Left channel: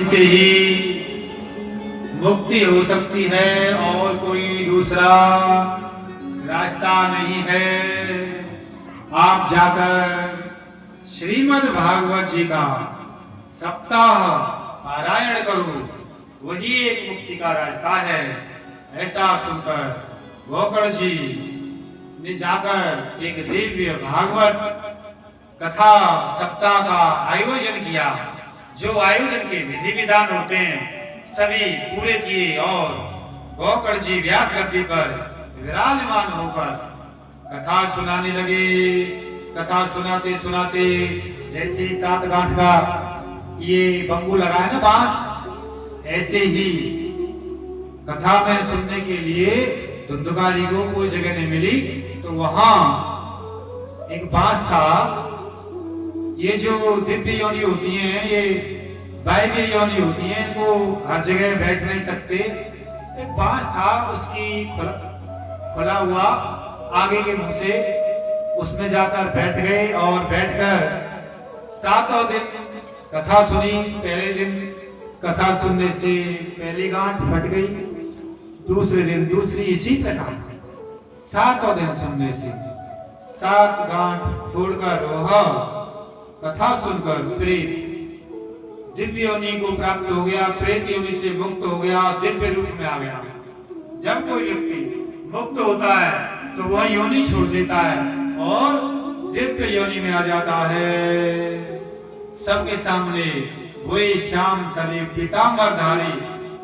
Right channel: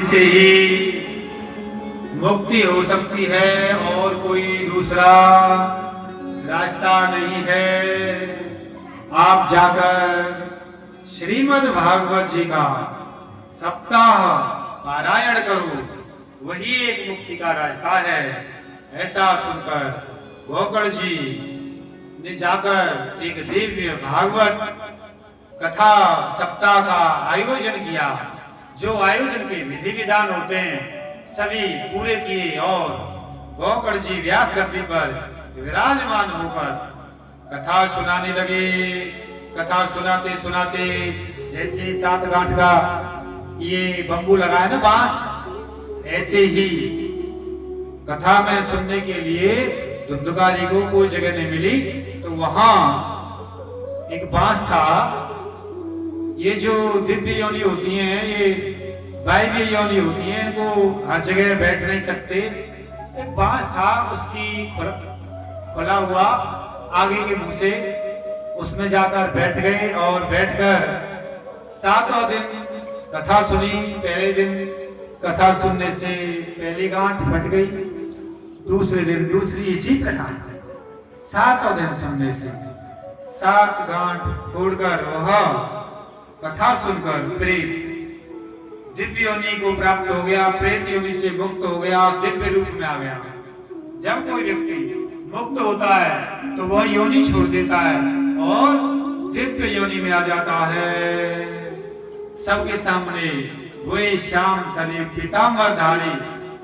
से ही मुक्ति हो सकती है और कोई दूसरा रास्ता नहीं है। आप जाकर श्रीमद् भागवत जी का सप्ताह पारायण करो, वही एक मुक्ति का रास्ता है। ऐसा सुनकर गोकर्ण जी ने जाकर एक दिव्य भागवत कथा सप्ताह का आयोजन किया। जो आयोजन के विधि विधान होते हैं सभी पूरे किए और गोकर्ण जी व्यास गद्दी पर विराजमान होकर कथा सुनाने लगे। कथा सुनाते सुनाते जैसे 7 गांठ का ये बंबू लगाया ना बांस, ऐसे ही कथा में सुनने के लिए धुंधुका जी को कोई जगह नहीं मिली, तो वहां एक बांस था। ये जो दिव्य योनि होती हैं, ये वायव्य योनि होती हैं, इनको हर जगह बैठ नहीं सकते। एक बांस था, उसकी खुला हुआ आगे के मुंह से उसमें जाकर बैठ गए और बैठकर 7वां दिन कथा सुनी। पहले दिन कथा सुनने से पहली गांठ फट गई, दूसरे दिन दूसरी, इसी प्रकार 7वां दिन सुनने से 7 गांठ छोड़कर वह कथा सुनकर प्रेत दिव्य योनि को प्राप्त हो गया, प्रेत योनि से मुक्त हो गया, दिव्य रूप में आ गया। जब कोई व्यक्ति मुक्त होता है तो वह योनि छोड़ देता है और दिव्य योनि में आ जाता है। सबके सामने वही श्याम सने पीतांबर धारी,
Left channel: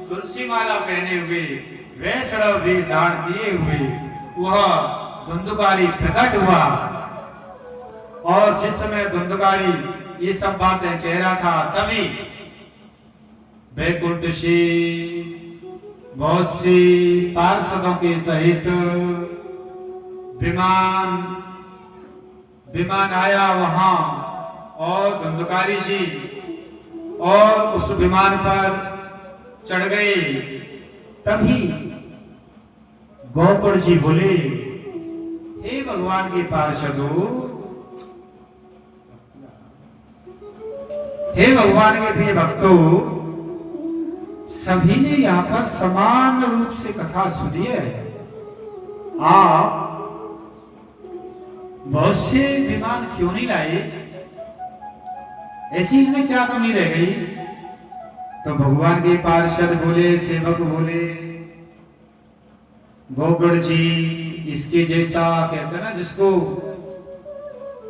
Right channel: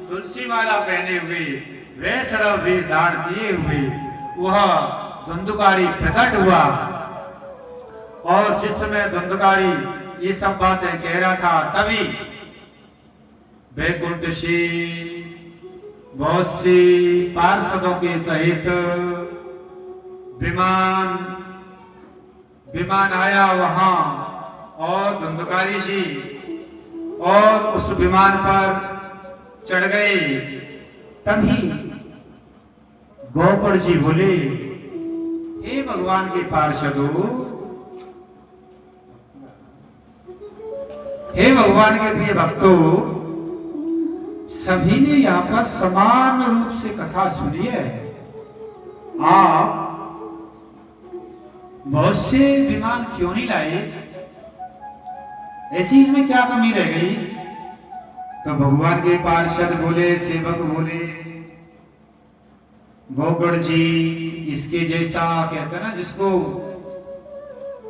तुलसी माला पहने हुए, वैष्णव वेश धारण किए हुए वह धुंधुकारी प्रकट हुआ। और जिस समय धुंधुकारी ये सब बातें कह रहा था, तभी वैकुंठ से बहुत से पार्षदों के सहित विमान आया वहां, और धुंधुकारी जी और उस विमान पर चढ़ गए। तभी गोकर्ण जी बोले, हे भगवान के पार्षदों, हे भगवान के प्रिय भक्तों, सभी ने यहाँ पर समान रूप से कथा सुनी है। आप बहुत से विमान क्यों नहीं लाए? ऐसी में क्या कमी रह गई? तो भगवान के पार्षद बोले, सेवक बोले, गोकर्ण जी इसके जैसा, कहते ना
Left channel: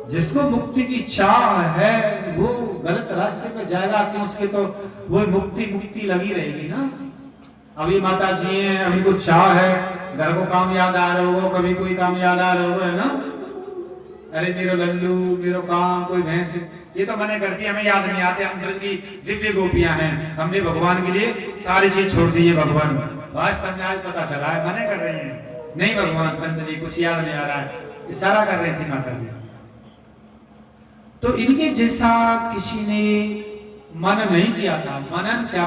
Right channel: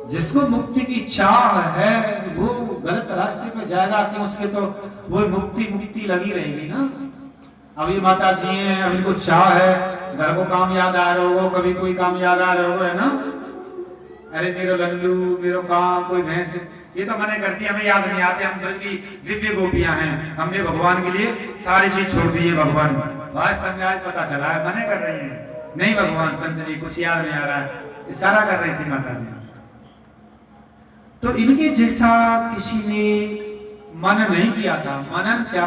जिसको मुक्ति की चाह है वो गलत रास्ते पर जाएगा कि उसके तो वो मुक्ति लगी रहेगी ना। अभी माता जी हैं, अभी को चाह है, घर को काम याद आ रहा हो, कभी कोई काम याद आ रहा हो, है ना, अरे मेरा लल्लू, मेरा काम, कोई भैंस, ये तो मैंने करती, हमें याद नहीं आते। हम बल्कि दिव्य गोपियां हैं, हमने भगवान के लिए सारी चीज छोड़ दी है। भगवान वास्तव में आज पता चला है, मने कर रही है, नहीं भगवान संत जी कुछ याद नहीं आ रहा है, इशारा कर रही थी माता जी। तो इनके जैसा किसी ने मनन नहीं किया था। मनन क्या